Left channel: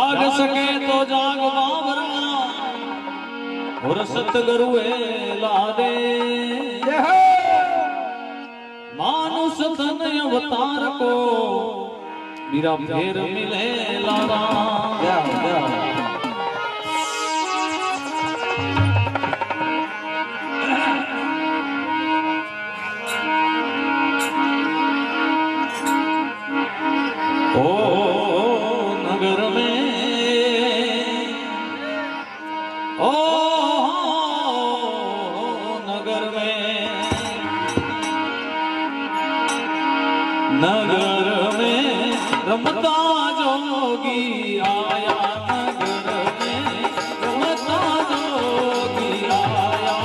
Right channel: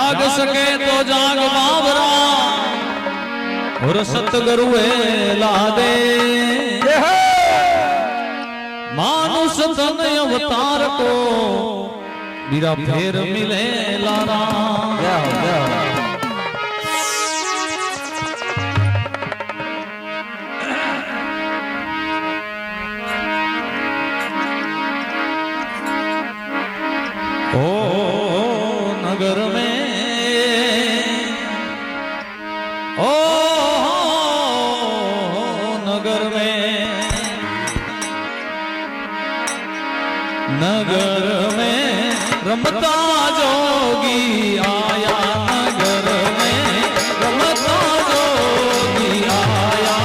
जाग सके तो जाग बाबरा और सतगुरु ला दे मानुष तन अवतार को मेरा फेर मिले लारा। जाओ जाओ ओ नगर में ओ नगर में रमता जोगी आया नगर में रमता जोगी आया।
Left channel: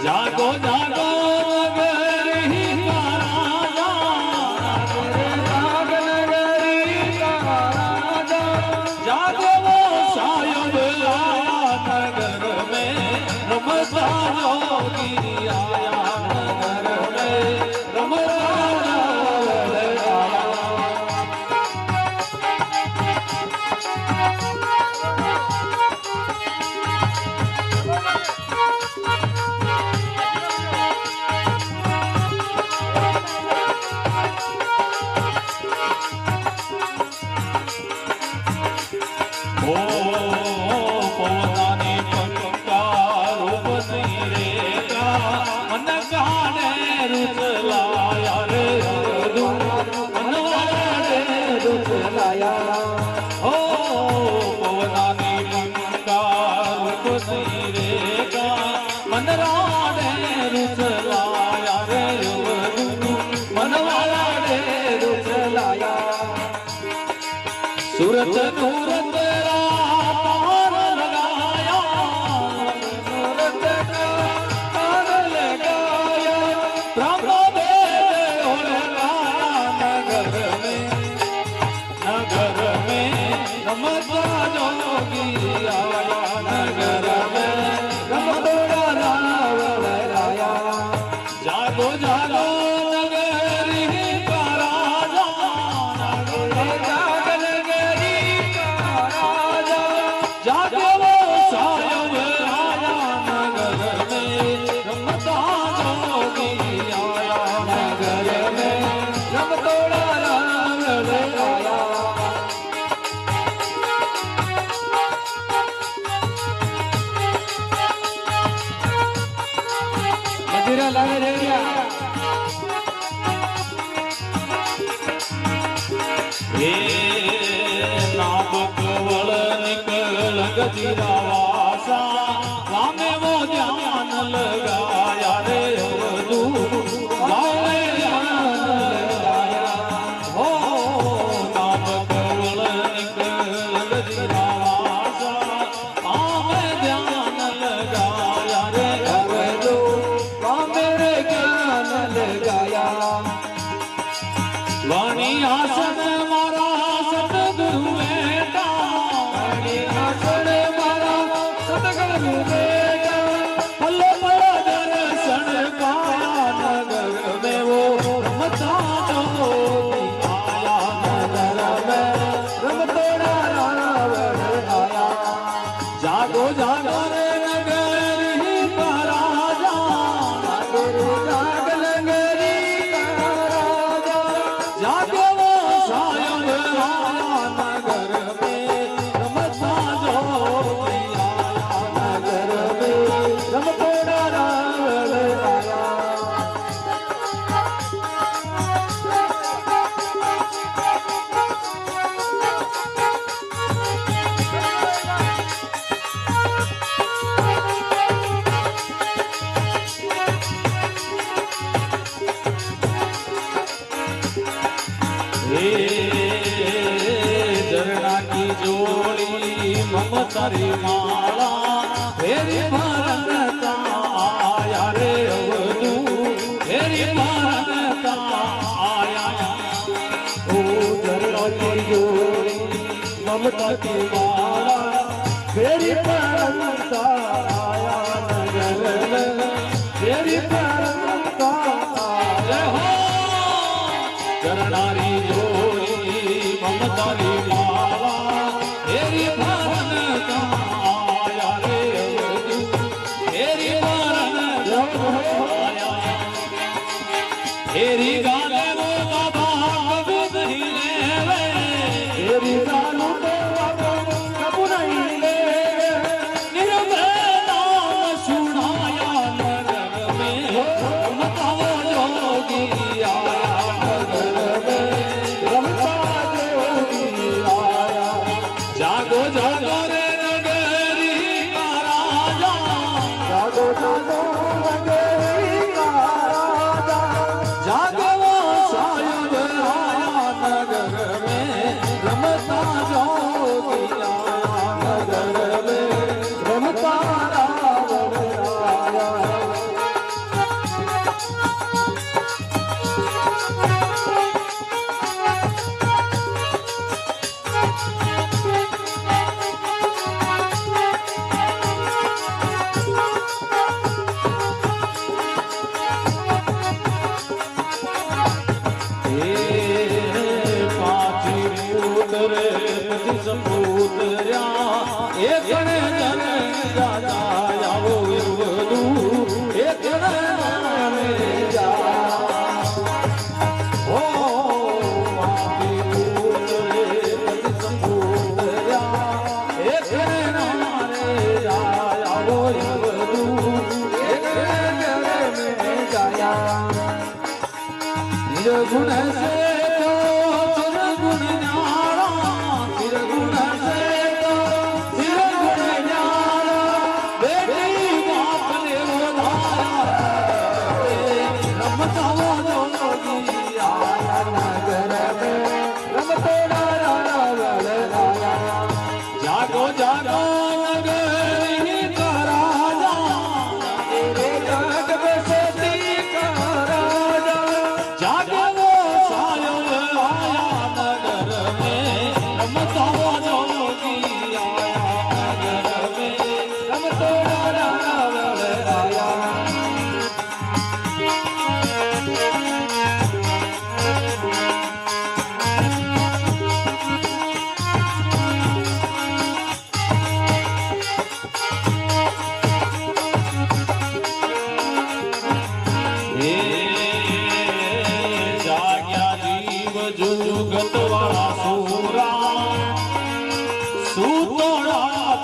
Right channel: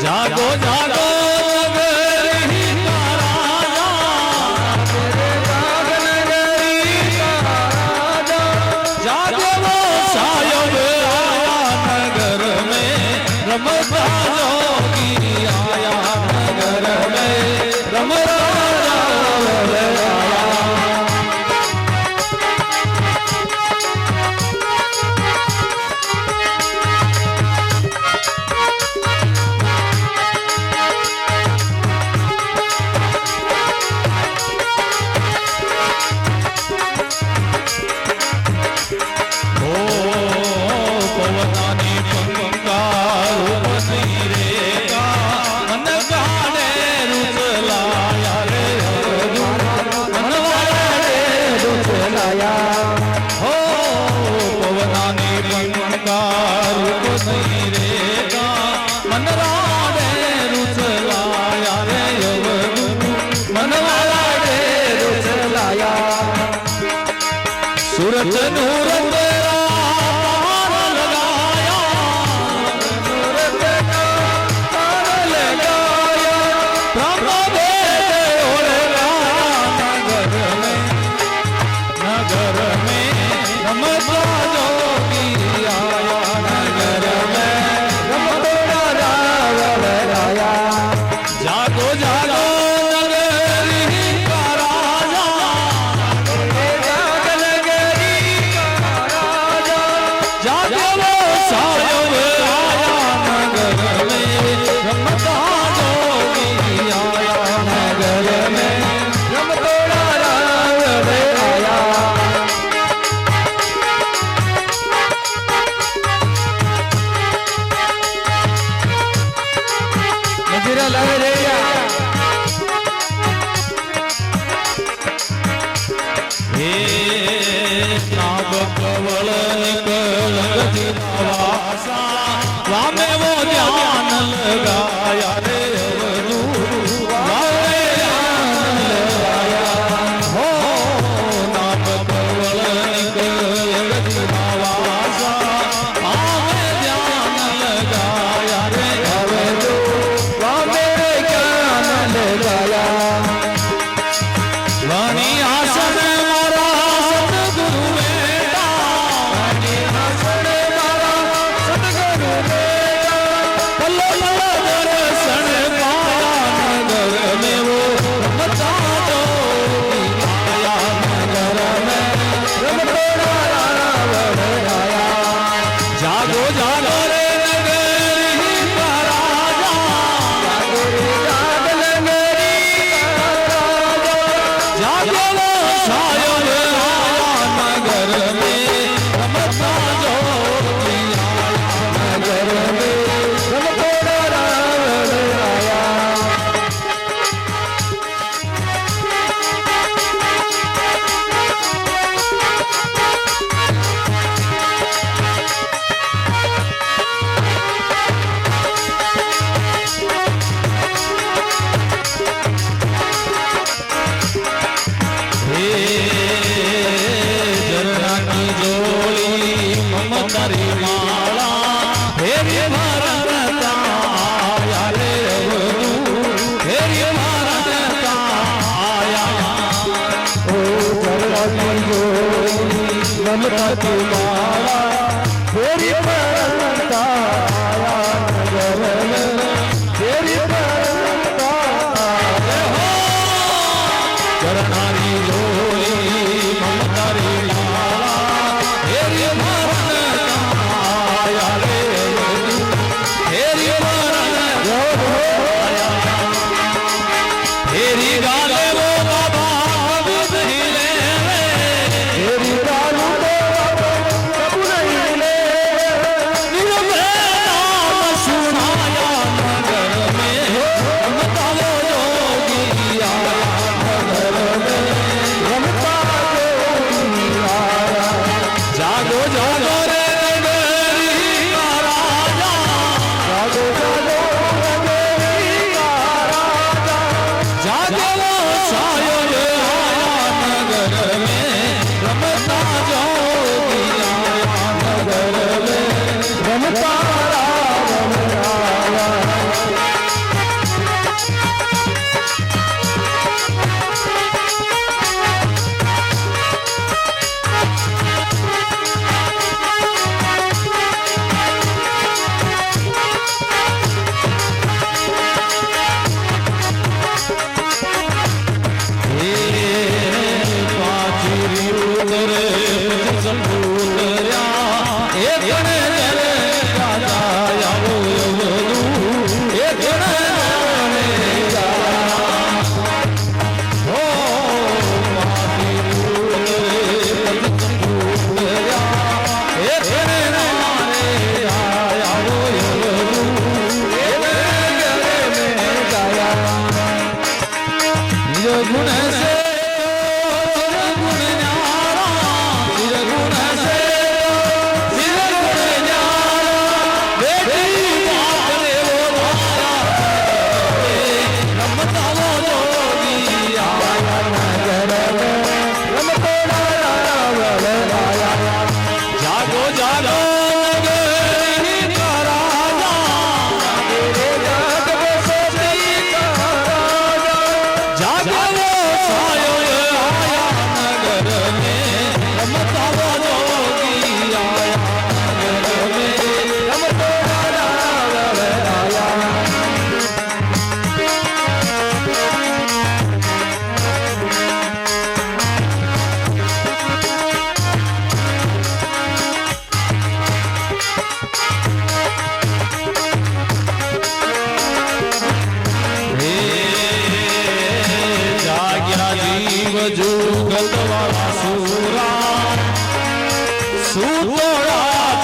जागो जागो सूरज नूर तेरा लगाया सूरज का तार लगाया प्रभु दे और नगर में रमता जोगी आया नगर में रमता आया। जागो जागो रामे वो ध्यान लगाया रे हो नाम कवल निकलवासा आवे ध्यान लगाया रे रामे ज्ञान लगाया वाणी आसन दर्शन रमता तुम्हारा तेरी परंता तेरी परंता करनानी जोड़ी ममता रे लाला तेरी परंता तेरी परंता तेरी गाले वो बाबा नहीं ले तेरी रानू तो कब नहीं ले निरवे नाम सुनाया नगर में बताओ योगी नगर में जागो जागो रे नगरी का राजा जागो जागो नगरी का राजा जागो सायो नगर में रमता जोगी नगर में रमता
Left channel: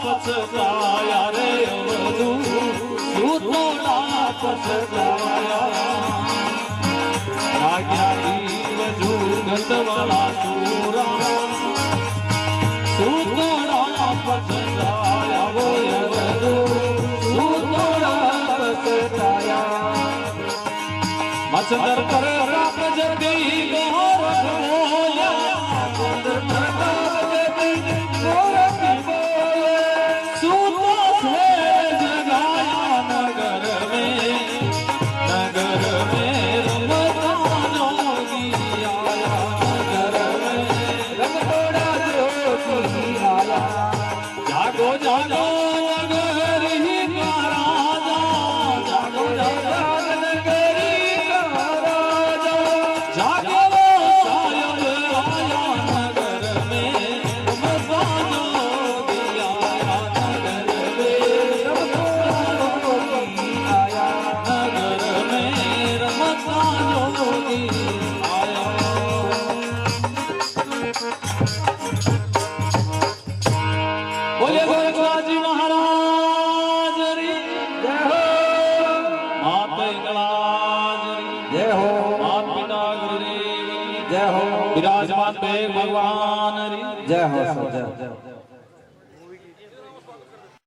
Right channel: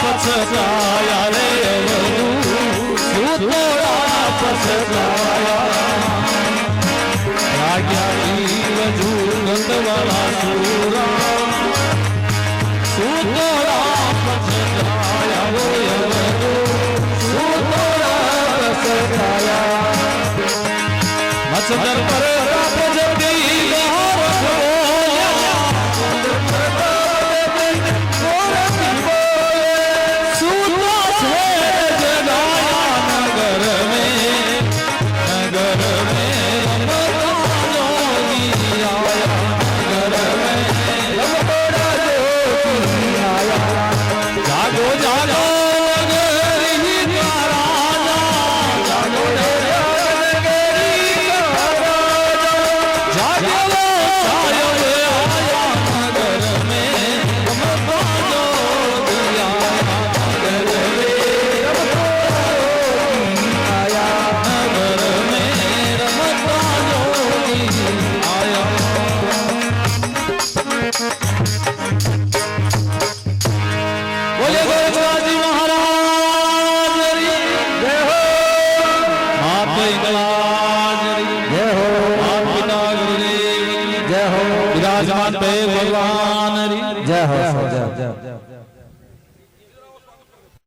पछताया रे वधू सुतोड़ा पछताया आज्ञा जीव जुगतवाला सूरा सुतोड़ा पछताया वो वधू सुतोड़ा पछताया मचदर पर जल्दी विराजमान पे भगवान जय हो जय